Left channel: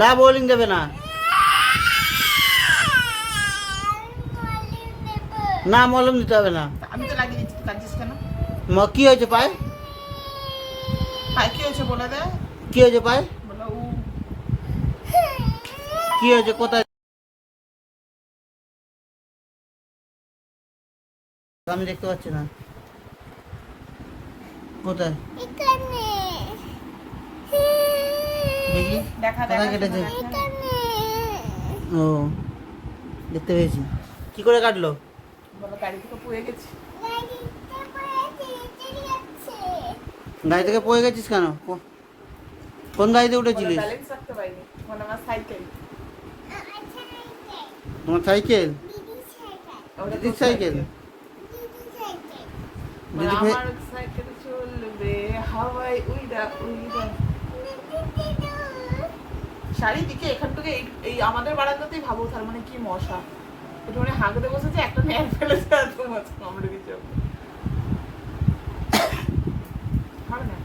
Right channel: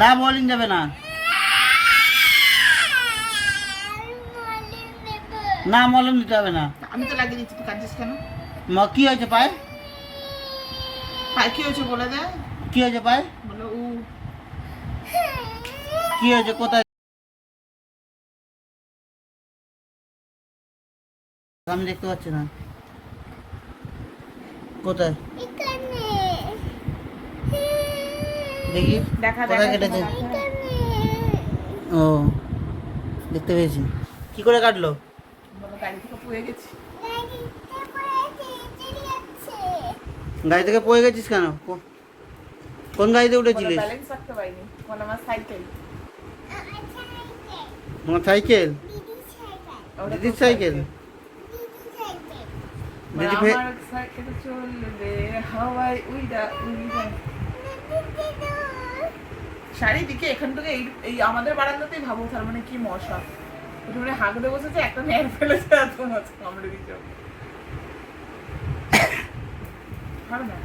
না বোলিং যাবে না, না মলম দিতে হবে না। আমি তো লাগিয়ে দিচ্ছি, তুই কাঁদছিস কেন? কি হয়েছে পায়ে? পায়ে কি হয়েছে বলে দে। কি হয়েছে পায়ে? বলো উ। কি হয়েছে কোথায়? আমি দেখতে পাচ্ছি না, কোথায় দেখি দেখা কোথায় কেটেছে? দেখা। ও দেখতে পেয়েছি। কি করে কাটলো? বাবা গাড়ি থেকে পড়ে গেছি। গাড়ি থেকে পড়ে গেছিস কেন? কোন গাড়িতে উঠেছিলিস? ব্যালেন্স রাখতে পারিনি, মানে আমার সাইকেল। তোমার সাইকেল? দিদির সাইকেল? দিদি আমার সাইকেল চলবে হাওয়ায় উইড়া উইড়া। চারিদিকে এখান থেকে এই আমাদের বারান্দাতেই ভাবো তার মানে কি মশা। একটু মানে হাঁকতে বসেছে, একটা নেয়ার ফেলেছে, এত মশা কামড়ে দিচ্ছে। হবে না?